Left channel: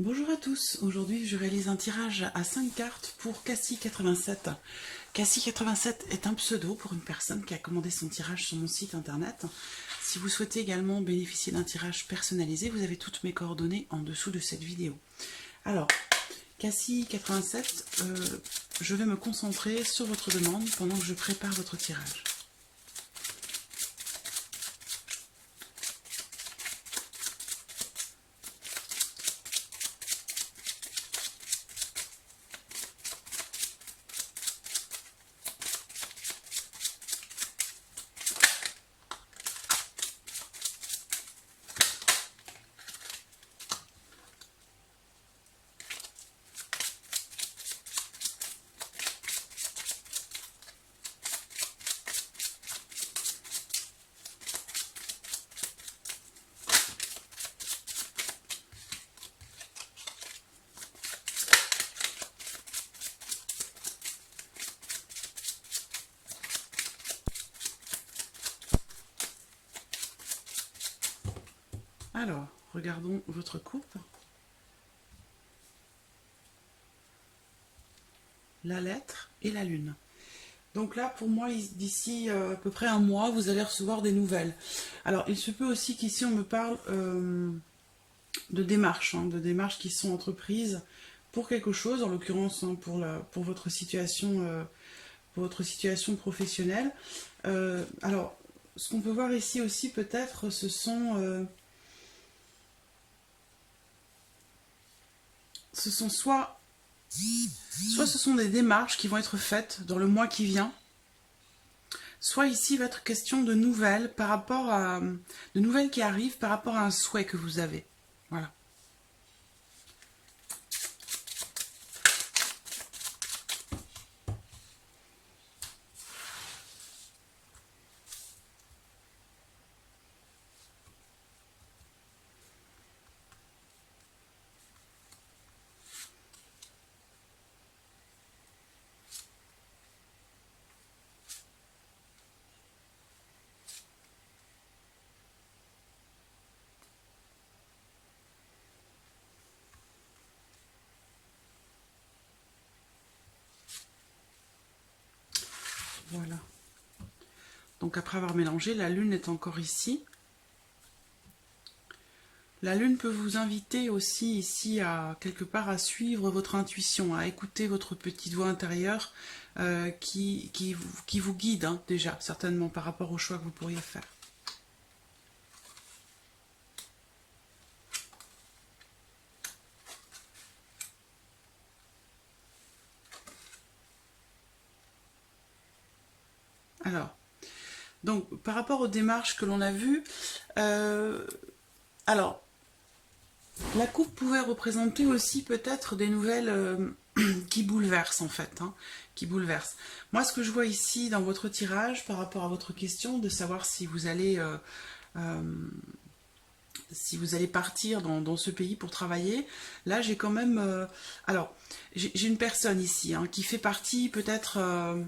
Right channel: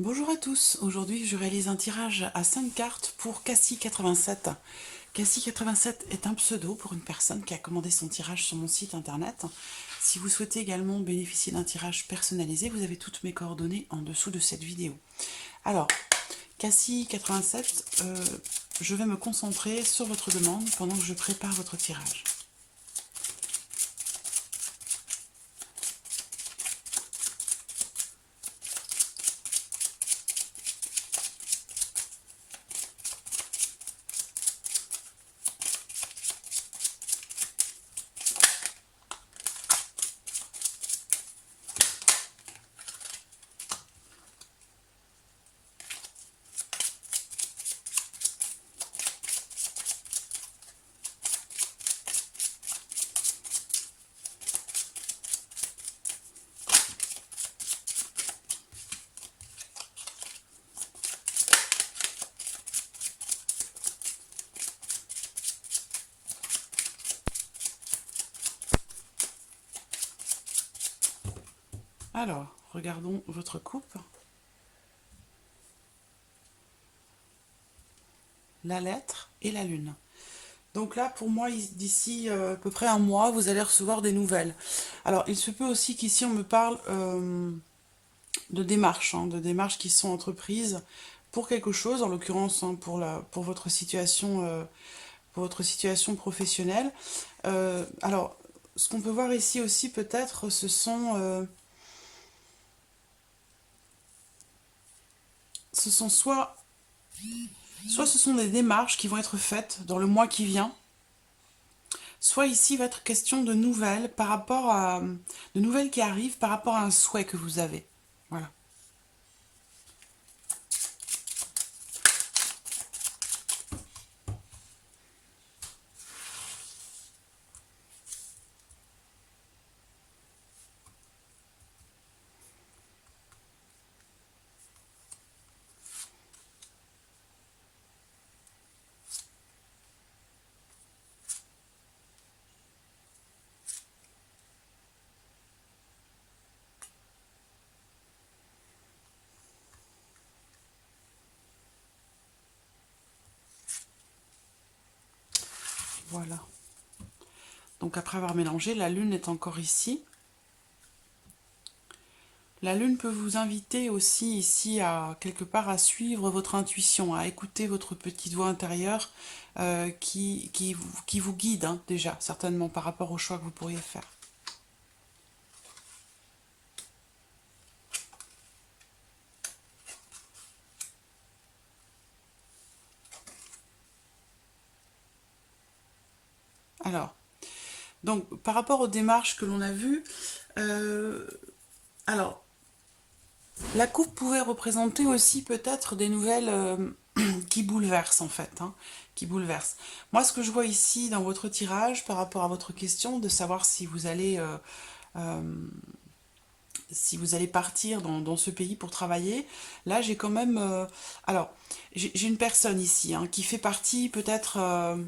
Bonjour à tous, aujourd'hui je réalise un tirage à 5 cartes pour Cassie87. Cassie87 est un pseudo pour une personne qui a commandé son tirage sur mon site internet. Si vous souhaitez également bénéficier d'un tirage personnalisé, vous avez toutes mes coordonnées en dessous de cette vidéo. Alors, Cassie87, je vais me concentrer sur votre demande pendant que je prépare votre tirage. Alors, regardons votre coupe. La lettre et la lune. Donc là, pour moi, d'ici à peu près un mois, vous allez recevoir des nouvelles. Alors, il se peut aussi qu'ici, on me parle de démarches, de démarches qui sont entreprises pour quelque chose, en l'occurrence pour votre situation professionnelle. Alors, ce qu'on peut voir ici aussi, peut-être, ce sont soit ce sont des démarches qui vont être faites dans le mois qui vient, soit ici va être question de nouvelles de nouvelles qui arrivent par rapport à un souhait que vous avez. Voilà. Voilà. Donc après avoir mélangé, la lune est encore ici. La lune peut vous inviter aussi ici à quelque part à suivre votre intuition, à écouter votre petite voix intérieure qui vous guide déjà, certainement par rapport au choix que vous pourriez faire. Alors, donc par rapport aux démarches que l'on a vues, alors la coupe pouvait représenter aussi peut-être des nouvelles qui bouleversent en fait, qui bouleversent. Moi, ce que je vois ici dans votre tirage par rapport à votre question de savoir si vous allez partir dans ce pays pour travailler, là j'ai quand même... alors, j'ai une personne ici qui fait partie peut-être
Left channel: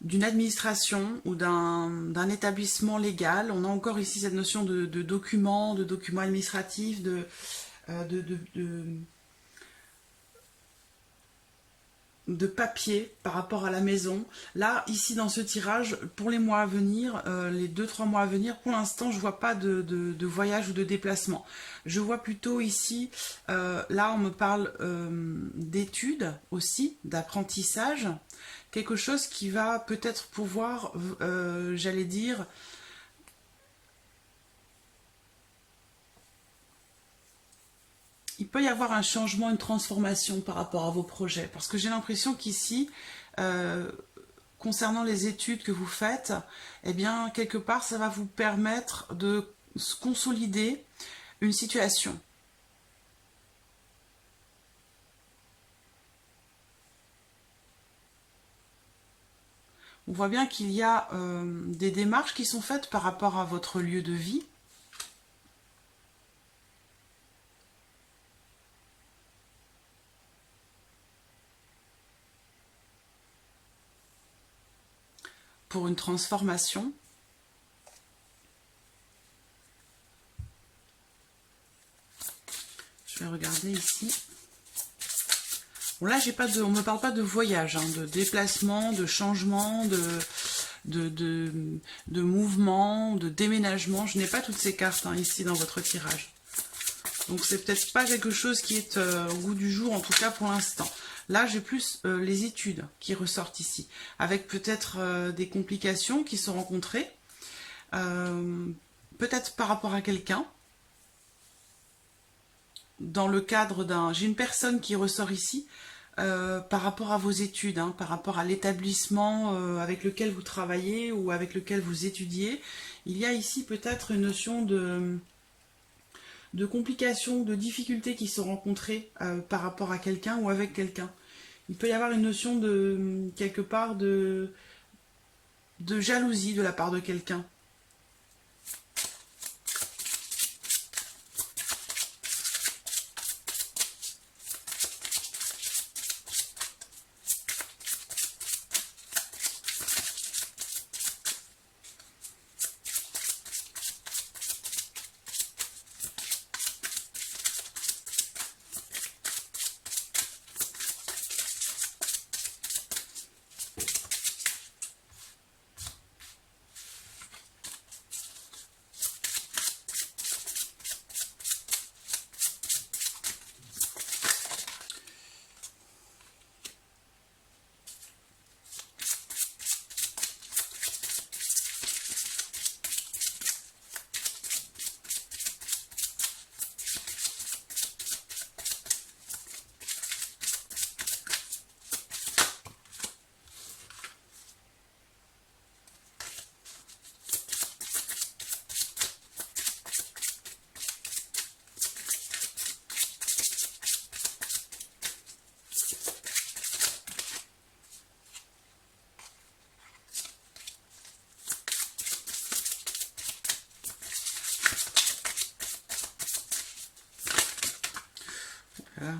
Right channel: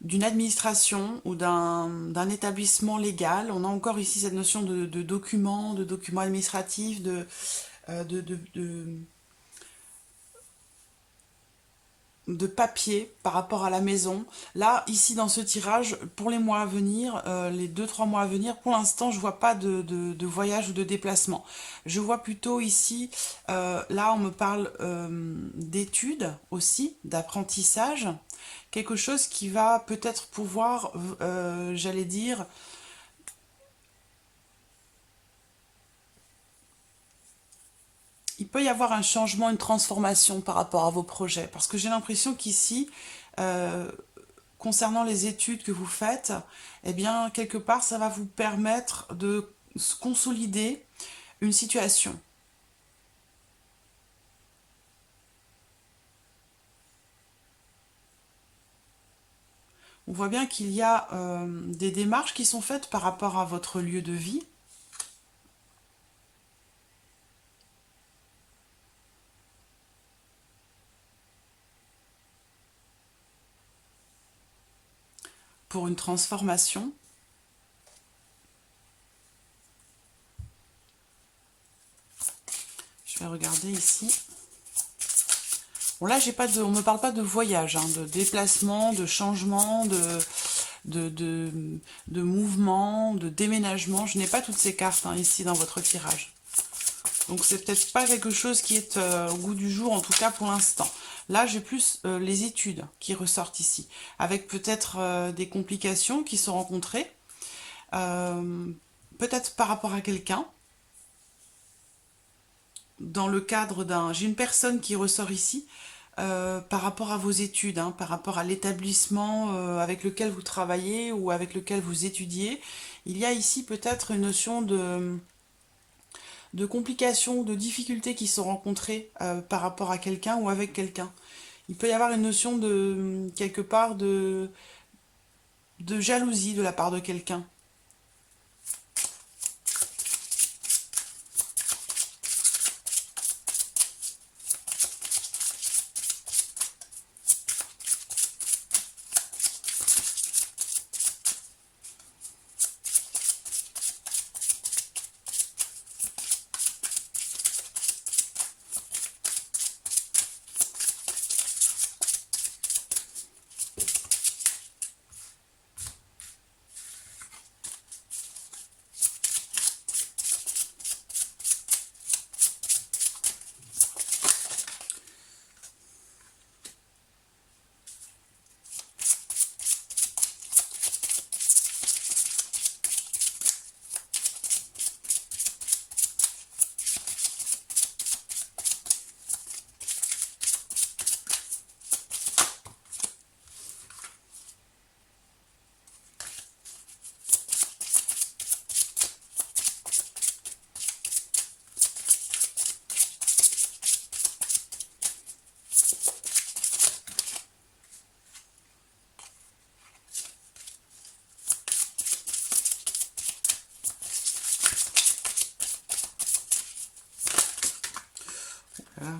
d'une administration ou d'un établissement légal. On a encore ici cette notion de documents administratifs, euh, de, de, de, de papier par rapport à la maison. Là, ici dans ce tirage, pour les mois à venir, les 2-3 mois à venir, pour l'instant, je vois pas de voyage ou de déplacement. Je vois plutôt ici, là on me parle d'études aussi, d'apprentissage, quelque chose qui va peut-être pouvoir, j'allais dire, il peut y avoir un changement, une transformation par rapport à vos projets. Parce que j'ai l'impression qu'ici, euh, concernant les études que vous faites, eh bien, quelque part, ça va vous permettre de consolider une situation. On voit bien qu'il y a des démarches qui sont faites par rapport à votre lieu de vie. Pour une transformation. regarder ici. Bon là, on ne me parle pas de voyage, hein, de déplacement, de changement, de mouvement, de déménagement. Je n'ai pas toutes ces cartes hein, ici dans votre tirage. Donc c'est peut-être pas quelque chose qui est au goût du jour, en tout cas pour l'instant. Là, j'ai plus les études qui ressortent ici, avec peut-être des complications qui sont rencontrées, peut-être par rapport à quelqu'un. Dans le cadre d'un... J'ai une personne qui ressort ici par rapport à vos études, hein, par rapport à l'établissement avec lequel vous travaillez ou avec lequel vous étudiez. Il y a ici peut-être une notion de complications, de difficultés qui sont rencontrées par rapport à quelqu'un ou avec quelqu'un. Il peut y avoir une notion de, quelque part, de jalousie de la part de quelqu'un. Voilà.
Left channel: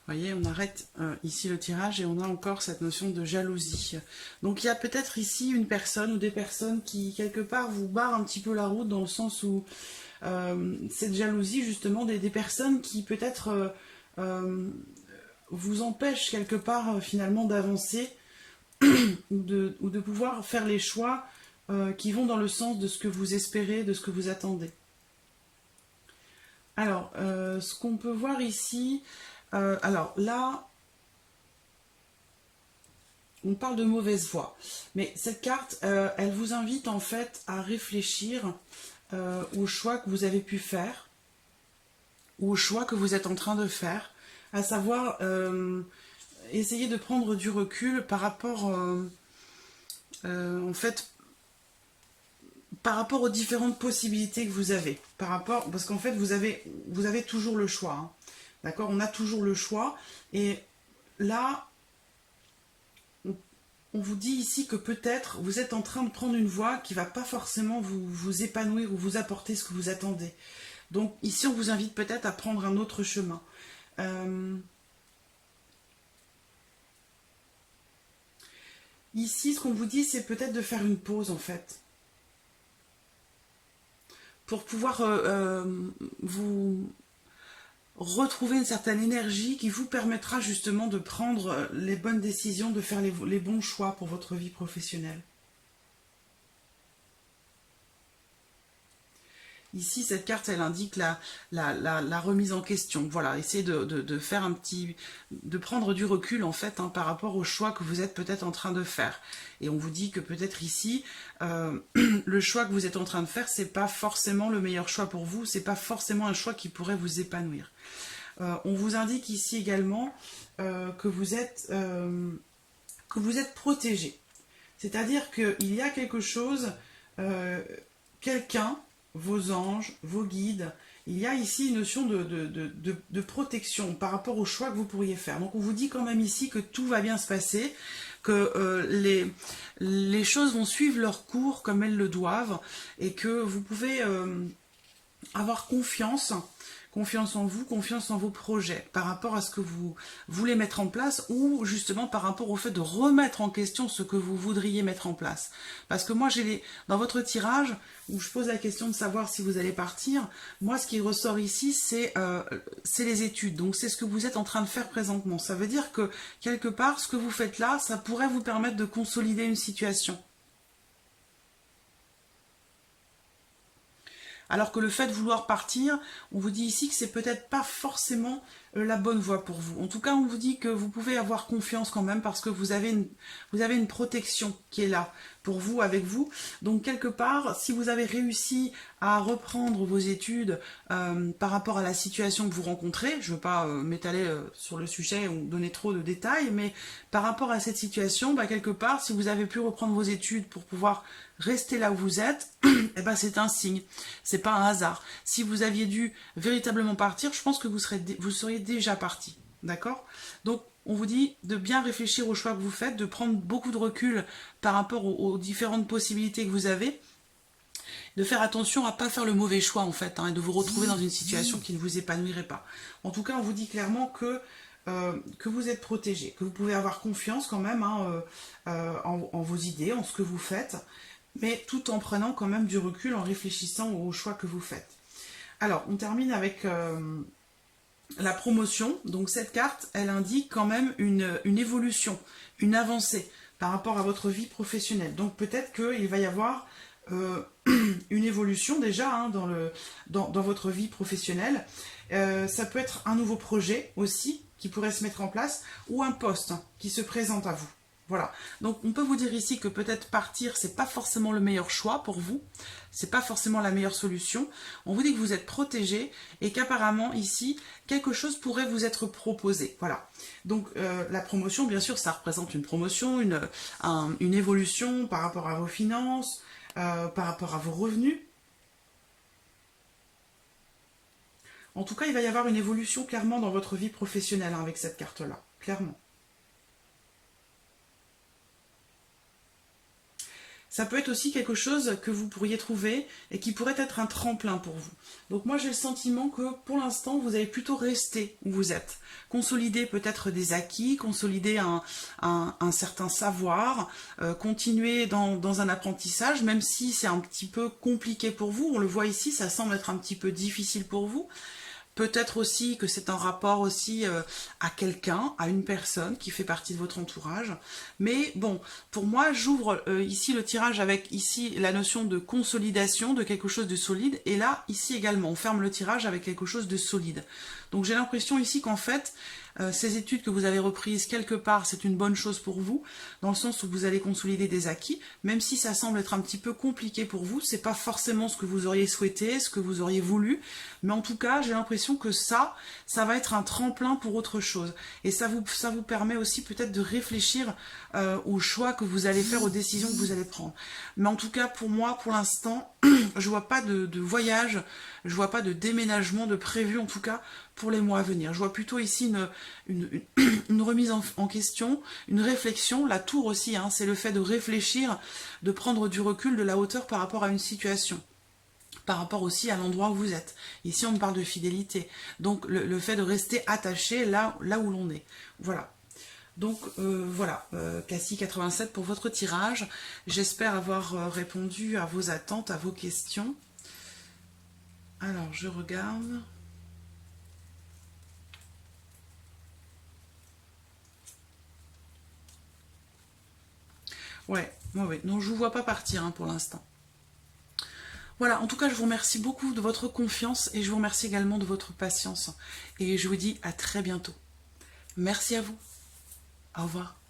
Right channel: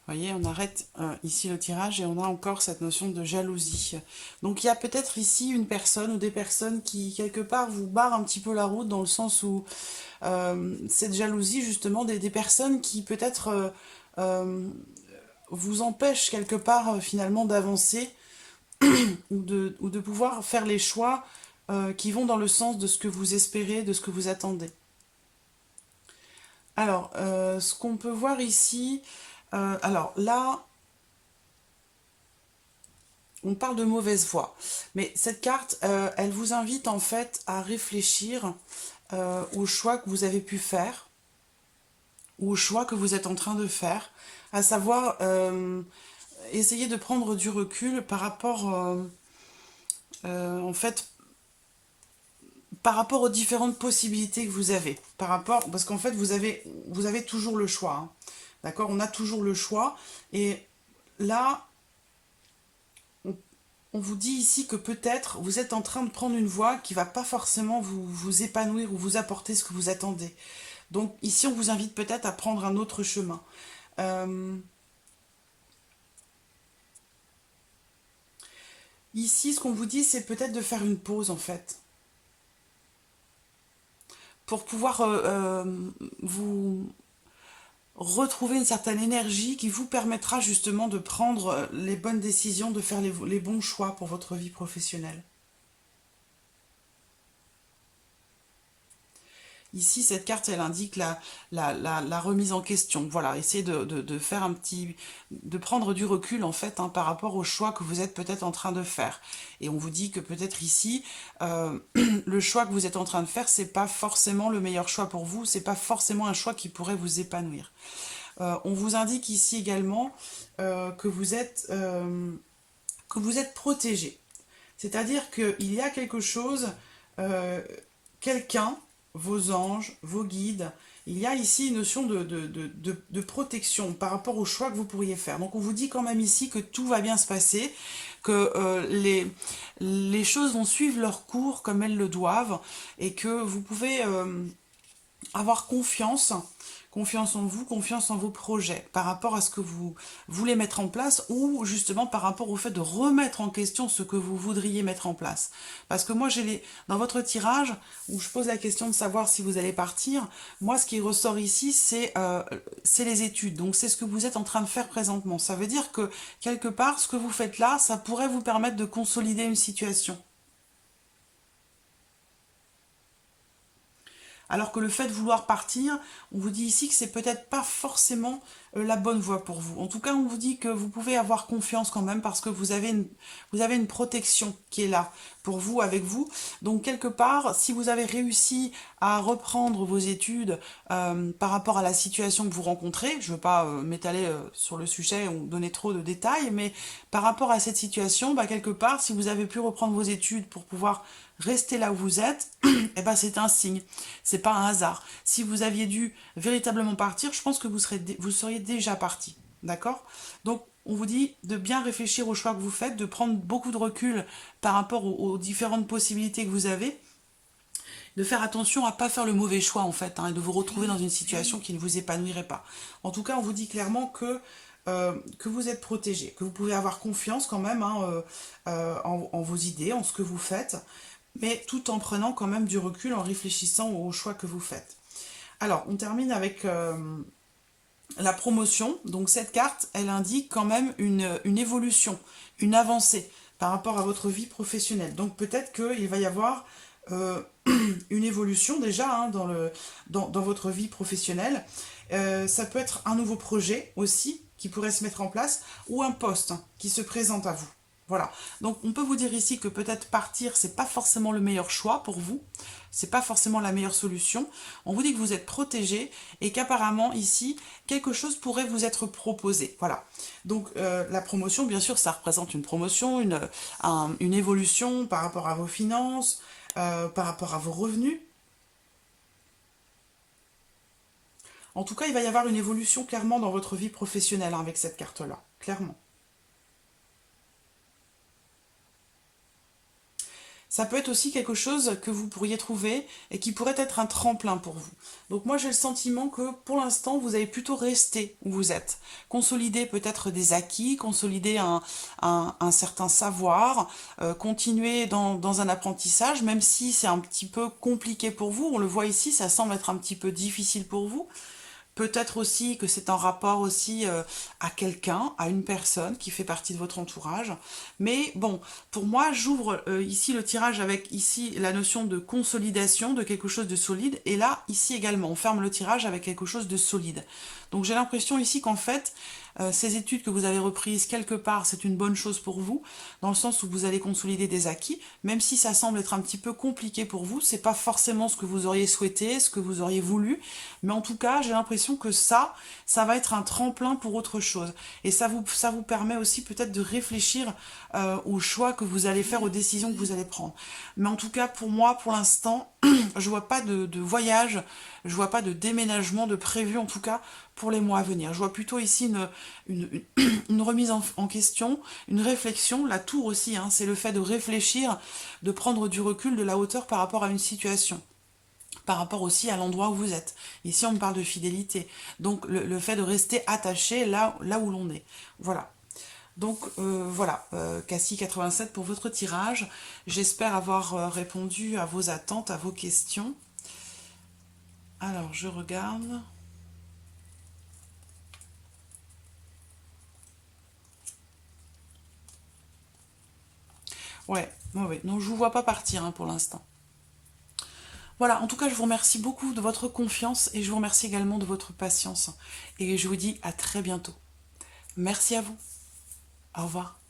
Vous voyez, on arrête ici le tirage et on a encore cette notion de jalousie. Donc il y a peut-être ici une personne ou des personnes qui, quelque part, vous barrent un petit peu la route dans le sens où cette jalousie, justement, des personnes qui peut-être vous empêchent quelque part, finalement, d'avancer ou de pouvoir faire les choix qui vont dans le sens de ce que vous espérez, de ce que vous attendez. Alors, ce qu'on peut voir ici... alors là, on parle de mauvaise voie. Mais cette carte, elle vous invite en fait à réfléchir aux choix que vous avez pu faire, ou aux choix que vous êtes en train de faire, à savoir essayer de prendre du recul par rapport, en fait, par rapport aux différentes possibilités que vous avez. Parce qu'en fait, vous avez toujours le choix. Hein. D'accord? On a toujours le choix. Et là, on vous dit ici que peut-être vous êtes en train de prendre une voie qui ne va pas forcément vous épanouir ou vous apporter ce que vous attendez. Donc ici, on vous invite peut-être à prendre un autre chemin. Ici, ce qu'on vous dit, c'est peut-être de faire une pause, en fait. Pour pouvoir vous retrouver une certaine énergie qui vous permettra justement de prendre les bonnes décisions, de faire les bons choix pour votre vie professionnelle. Ici, cette carte, elle indique la remise en question. Voilà, essayez de faire un petit... de prendre du recul, en fait, hein, par rapport aux choix que vous êtes peut-être en train de faire. Et on vous dit que peut-être ici, le choix que vous êtes en train de faire, c'est pas forcément le meilleur choix pour vous, c'est pas forcément un choix qui pourrait vous épanouir. On vous indique ici également que vous êtes protégé. C'est-à-dire qu'il y a quelque chose euh, quelqu'un, vos anges, vos guides. Il y a ici une notion de protection par rapport au choix que vous pourriez faire. Donc on vous dit quand même ici que tout va bien se passer, que les choses vont suivre leur cours comme elles le doivent, et que vous pouvez avoir confiance en vous, confiance en vos projets, par rapport à ce que vous voulez mettre en place, ou justement par rapport au fait de remettre en question ce que vous voudriez mettre en place. Parce que moi, dans votre tirage, où je pose la question de savoir si vous allez partir, moi, ce qui ressort ici, c'est les études. Donc, c'est ce que vous êtes en train de faire présentement. Ça veut dire que, quelque part, ce que vous faites là, ça pourrait vous permettre de consolider une situation. Alors que le fait de vouloir partir, on vous dit ici que c'est peut-être pas forcément la bonne voie pour vous. En tout cas, on vous dit que vous pouvez avoir confiance quand même parce que vous avez une protection qui est là pour vous, avec vous. Donc quelque part, si vous avez réussi à reprendre vos études par rapport à la situation que vous rencontrez, je ne veux pas m'étaler sur le sujet ou donner trop de détails, mais par rapport à cette situation, bah, quelque part, si vous avez pu reprendre vos études pour pouvoir rester là où vous êtes, eh ben c'est un signe, c'est pas un hasard. Si vous aviez dû véritablement partir, je pense que vous seriez déjà parti, d'accord? Donc on vous dit de bien réfléchir aux choix que vous faites, de prendre beaucoup de recul par rapport aux différentes possibilités que vous avez, de faire attention à pas faire le mauvais choix en fait, hein, et de vous retrouver dans une situation qui ne vous épanouirait pas. En tout cas, on vous dit clairement que vous êtes protégé, que vous pouvez avoir confiance quand même, hein, en vos idées, en ce que vous faites, mais tout en prenant quand même du recul, en réfléchissant aux choix que vous faites. Alors, on termine avec la promotion. Donc cette carte, elle indique quand même une évolution, une avancée par rapport à votre vie professionnelle. Donc peut-être qu'il va y avoir une évolution déjà, hein, dans votre vie professionnelle. Ça peut être un nouveau projet aussi qui pourrait se mettre en place, ou un poste qui se présente à vous. Voilà. Donc on peut vous dire ici que peut-être partir, c'est pas forcément le meilleur choix pour vous, c'est pas forcément la meilleure solution. On vous dit que vous êtes protégé et qu'apparemment ici, quelque chose pourrait vous être proposé. Voilà. Donc la promotion, bien sûr, ça représente une promotion, une évolution par rapport à vos finances, par rapport à vos revenus. En tout cas, il va y avoir une évolution clairement dans votre vie professionnelle, hein, avec cette carte-là, clairement. Ça peut être aussi quelque chose que vous pourriez trouver et qui pourrait être un tremplin pour vous. Donc moi j'ai le sentiment que pour l'instant vous allez plutôt rester où vous êtes. Consolider peut-être des acquis, consolider un certain savoir, continuer dans un apprentissage, même si c'est un petit peu compliqué pour vous. On le voit ici, ça semble être un petit peu difficile pour vous. Peut-être aussi que c'est en rapport aussi à quelqu'un, à une personne qui fait partie de votre entourage. Mais bon, pour moi, j'ouvre ici le tirage avec ici la notion de consolidation de quelque chose de solide. Et là, ici également, on ferme le tirage avec quelque chose de solide. Donc j'ai l'impression ici qu'en fait, ces études que vous avez reprises quelque part, c'est une bonne chose pour vous, dans le sens où vous allez consolider des acquis, même si ça semble être un petit peu compliqué pour vous, c'est pas forcément ce que vous auriez souhaité, ce que vous auriez voulu, mais en tout cas, j'ai l'impression que ça va être un tremplin pour autre chose. Et ça vous permet aussi peut-être de réfléchir aux choix que vous allez faire, aux décisions que vous allez prendre. Mais en tout cas, pour moi, pour l'instant, je vois pas de voyage, je vois pas de déménagement de prévu, en tout cas, pour les mois à venir. Je vois plutôt ici une remise en question, une réflexion. La tour aussi, hein, c'est le fait de réfléchir, de prendre du recul, de la hauteur par rapport à une situation, par rapport aussi à l'endroit où vous êtes. Ici, on me parle de fidélité. Donc, le fait de rester attaché là où l'on est. Voilà. Donc, voilà, Cassie 87 pour votre tirage. J'espère avoir répondu à vos attentes, à vos questions. Alors, je regarde. Ouais. Non, je vous vois pas partir, hein, pour l'instant. Voilà, en tout cas, je vous remercie beaucoup de votre confiance et je vous remercie également de votre patience. Et je vous dis à très bientôt. Merci à vous. Au revoir.